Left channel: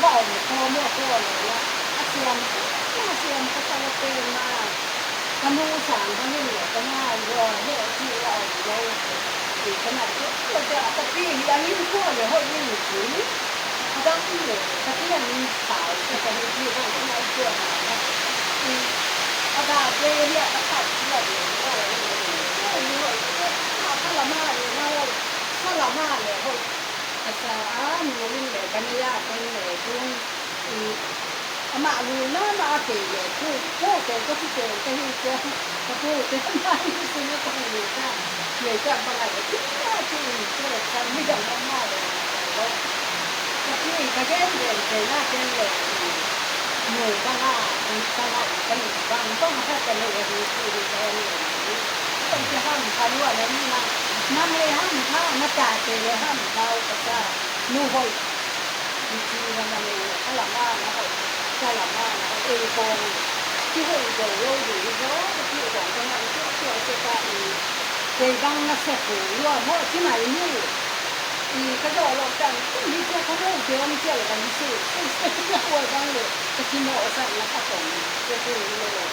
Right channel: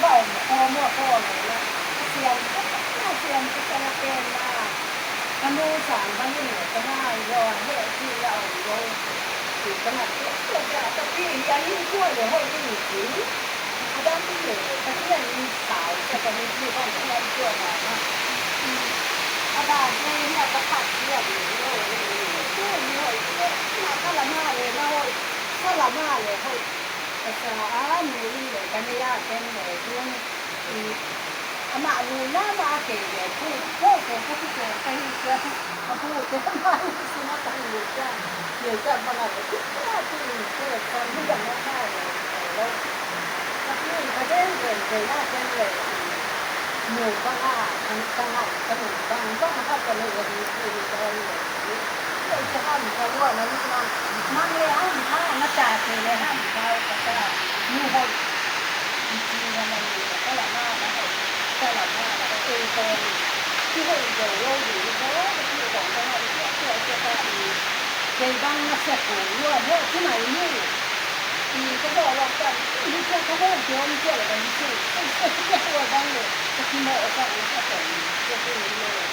bảo mua cô này là xiêm cái xiêm cái sao tên mà hắn mua sản hắn đi nữa cái nào rồi hệ chi là ở đâu thì cái này cái là cái gì anh đi mua để hơi đi chứ đang đi để cái gì anh xài cái gì không cái này chưa mà bà quê là các bạn kia rồi cái người mà cái là ma rồi nó cái là ma rồi thôi sa người để cái này à cái này cũng mà người mà kể về cái phố cái cái cái mà xin nó tăng người ta mà lại cái cái bây giờ nó ma rồi cái người là cái người người ta là cái người ta là cái người cái hamเขาว่าอะไรมันเลยห้ามเขาหน้าตาเลยห้ามเขาแต่มือหอยจริงๆมันก็หลังว่านะก็หลังว่าเอโกนที่หอยเดี๋ยวเราอยู่ที่เขาที่ของเขาที่ตัวเจ้าก็เจ้าบ้างมาเสพว่าเพราะที่ไหนนี่ก็บอกเราแต่ที่เจ้าเขาเดี๋ยวนี่เจ้าอะไรนี่สิเจ้าหัวบ้างเลยก็ที่หมอสั่งเขาส่งเจ้าผู้นี้เลย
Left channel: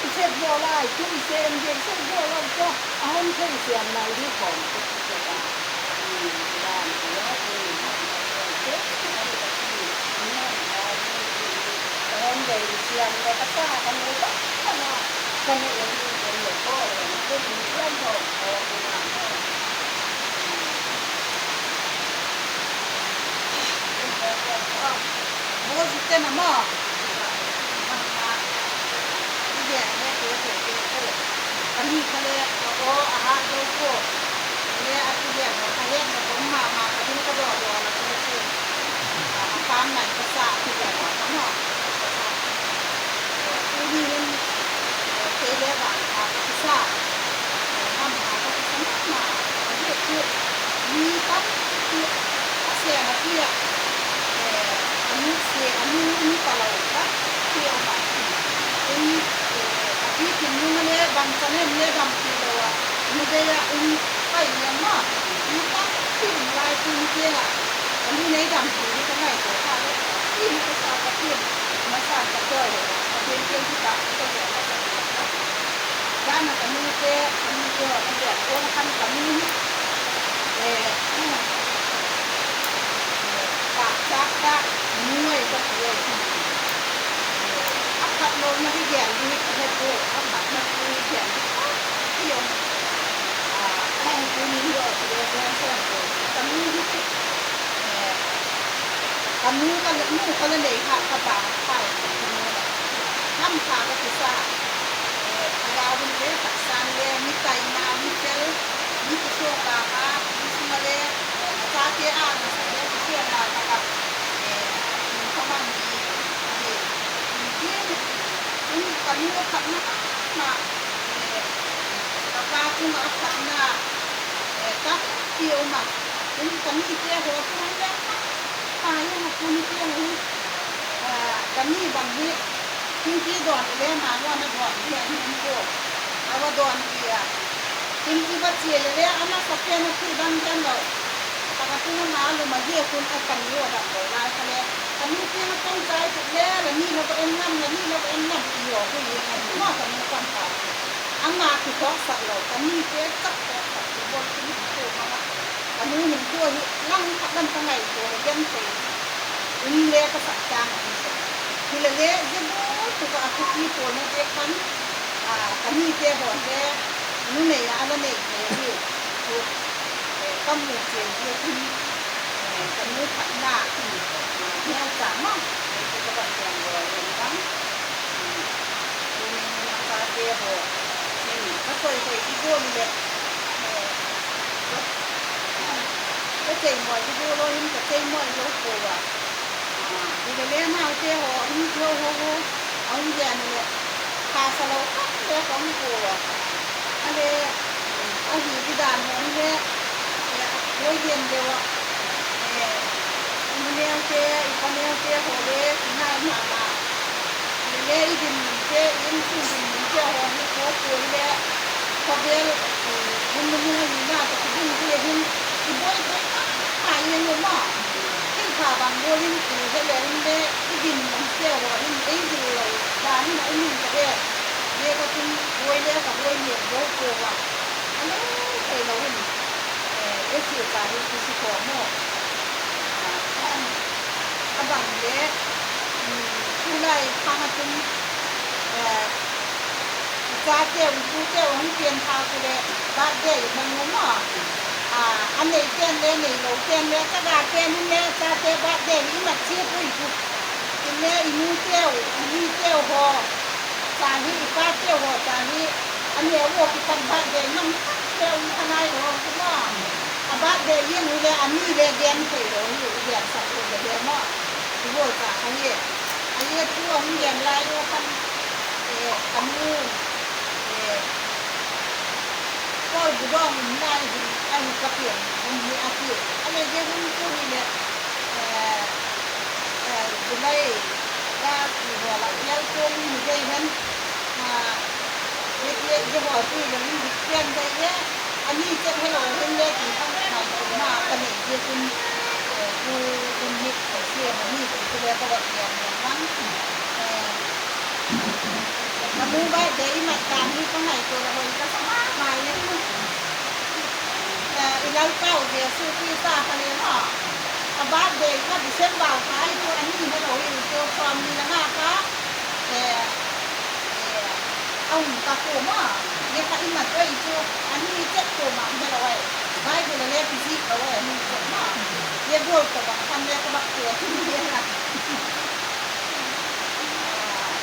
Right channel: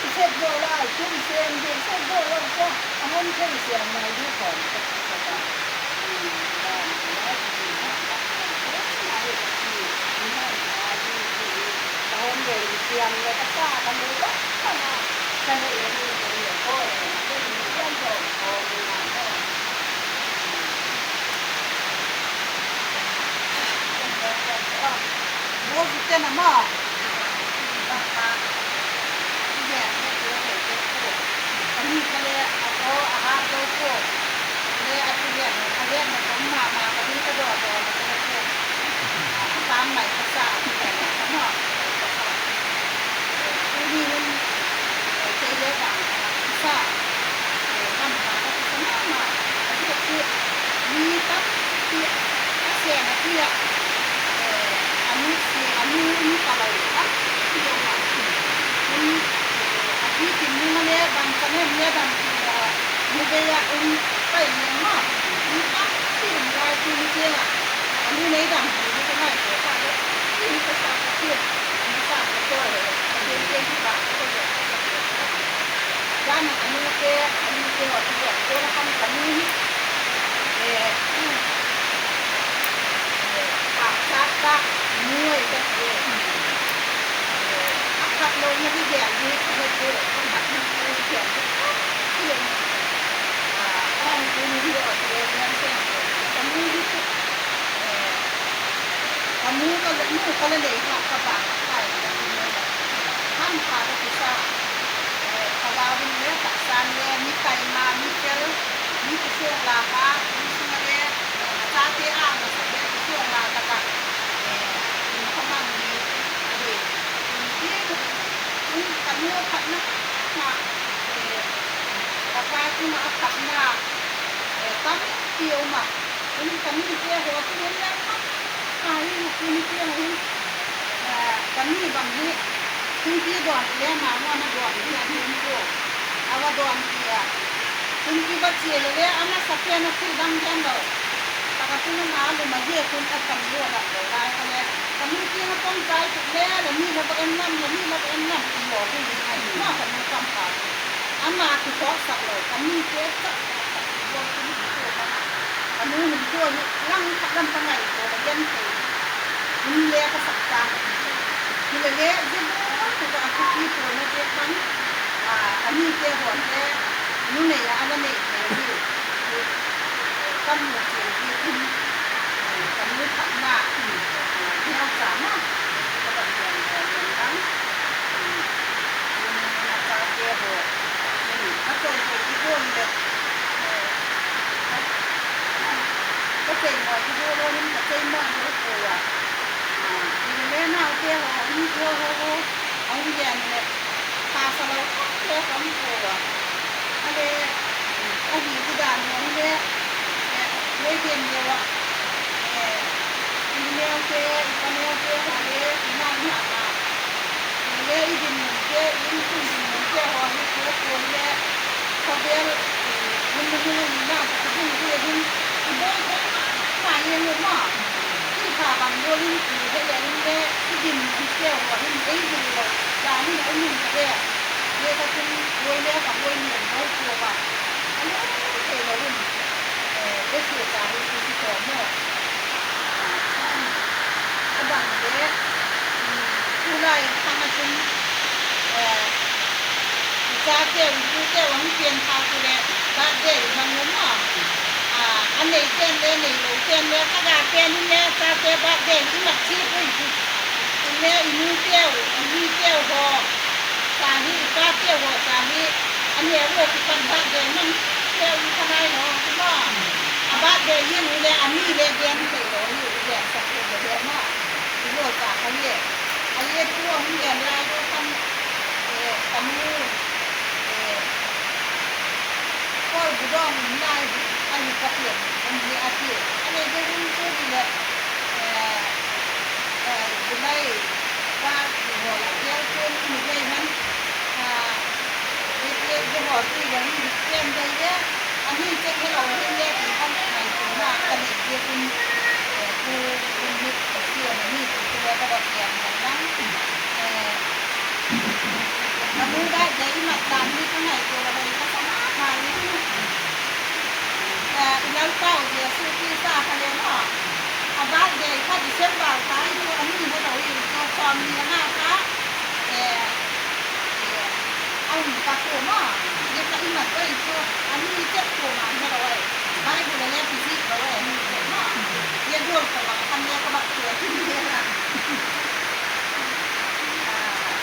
ที่เช็ดโยไล่ชุ่มเซนเย็นเช็ดโยเราก็เอาให้เช่นเสียงในรูปของก็จะได้ได้แล้วตอนเด็กเสียงเราก็กล้าทำเลยก็ขนาดขนาดเองนี่เป็นหลวงพ่อเลยนะเป็นเยี่ยมโดดโอ้โหโอ้ยเจ้าหน้าหม้ออันนี้เขาเรียกเอาอาหารโลโก้เรียกอันนี้เรียกเนี่ยผมมาแต่ที่ก็ดอกแล้วก็เลยพูดตามหลักภาษาที่แบบทั้งหมดที่นี่มันเรียกว่าภาษาทำภาษาก็สำคัญมากเรียกคือมีกับเรียกเสียงเรียกอันนี้เสียงอันนี้มีตลอดครับเสียงมาเป็นที่จริงนี่มันเนี่ยบางครั้งเนี่ยบางทีเราไม่ได้ไปยังมากมีตั้งที่รายที่เจ้าอันนี้ในดำที่นี่ก็ไม่เสียค่าเลยนี่ก็สร้างกระเทียมมาสร้างกระเทียมเลยเทียมที่บ้านก็จะด้านอันนี้เจ้าอันนี้เจ้าอันนี้โอ้ละคันอันนี้ตักจัดตักมวยกันเลยขัดลงมาที่แย่ดีเฮ็ดด้วยขัดมาคือแย่ที่เที่ยวอะไรที่นี่เที่ยวเรียนเส้นเลยตอนนี้ที่ตอนนี้ก็เลยนู่นก็เลยค่ะกระบะไปจากที่นี่แบบห้ามขาดก็คือซ่าขวาบนเรือตักซันเรือมีไก่มามีเจลมีกระช่วงลาค่ะมีสิ่งอะไรซาเจ้าเนี่ยสักเรื่องกระช่วงลาตะกะมีข้าวมันมีอะไรที่ini kami akan nak apa tu nak akan nak tak kau nak ini kami dia hot mana nak kaya nak ini dia ni kami bangni ini doan dia mana nak doan dia ni tu awak doan dia ini baca le anak sakit nak bang dia tak tu nak lalu maju pun akan dia nak doan kalau kami dia nak pun saya tu le ni nak enam ni nak enamอยู่ที่นี่มากกว่านี้ความฝันอันมาคือเพราะสักเลยอันนี้เจ๊สักสักบนที่นี่ตัวมันอันนี้มันตัวนี้นั่งนั่งตั้งไงตัวเย็นตัวนี่เลี้ยก็สักจานคือเลี้ยจะบอกตัวอาชีพตัวนี้เจ๊กันอันนี้เจ๊บอกเจ๊นู่นนี่อันนั้นนี่นี่ตัวตั้งหมดเจ๊ที่อันนี้ขันหน้าที่เราสามารถจะแบบเรียนตั้งเจ้าบอกนี่ถ้าเคยเห็นที่โบนเลยก็เจ๋งหน่อยที่โบนเราเห็นแต่เจ๋งหน่อยเยอะกว่าที่เล่นเอาเจ้าบอกนี่เจ้าโหเอาแย่เลยตาสลายก็เจ้าของกลัวอะไรเอาหิวที่ด่านนี่แหละไว้เย็นเดียวอ่ะนี่เลี้ยงเจ้าอีกคนเลี้ยงเจ้าโหเลี้ยงที่นั่งหามาเลี้ยงดินเจ้ายิ่งขึ้นดินเจ้าหัวนี่โคตรตัวเลี้ยงพอเดี๋ยวมันมีน่าจะขึ้นเรื่อยๆอีกบ่อยๆหายยังเลยเนาะที่พาไป bang bolin ku hele inde idin ke ro in ei du lo dan ni ai min ka ye ka tin woi le ka woi ni ro ko wa ano ke lo ni e ke ka ni si ko mo abang le ku lai phang a tin cha ke ku ke wang pian tha ku le ba de man mo anh này tên lên này đầu tiên lên các gà tên lên ta tên bát đèn cái mặt chi cái gì lên inu tiêu hồ sang hi ba tiêu hồ sang hi anh này vô cái phần bát đèn nó tiêu cái này nó cũng mà bát đèn yên lên anh đi lên đèn thì nó như đèn sạch rồi đèn mà thì vô cả anh ấy tua ông đèn lại vô cầm nu coi cái đó mình này anh phát hiện anh đi ăn tiền anh ấy cái hôm trước thì là cái này ta thì họ lại theo trên một cái hắn cái bỏ thì là mình tiền đây á anh đi trên cái lối bên đây thì không mà cần để kia cùng cùng một cái tiền này thì cái này các bạn tiền là lắm mà mua bài đấy mà làm như thế này rồi là mình có hai ulang tau dia suki sa kalen ha abad de ka December ka itu ani ni no itu form ni na ka ang ka ko ma ye ka ima ko itu ani jet ko ma ni lo ai bai de le physique ko ai ni ko ma ye gol ko ba kan ye ka ba ko ti ni na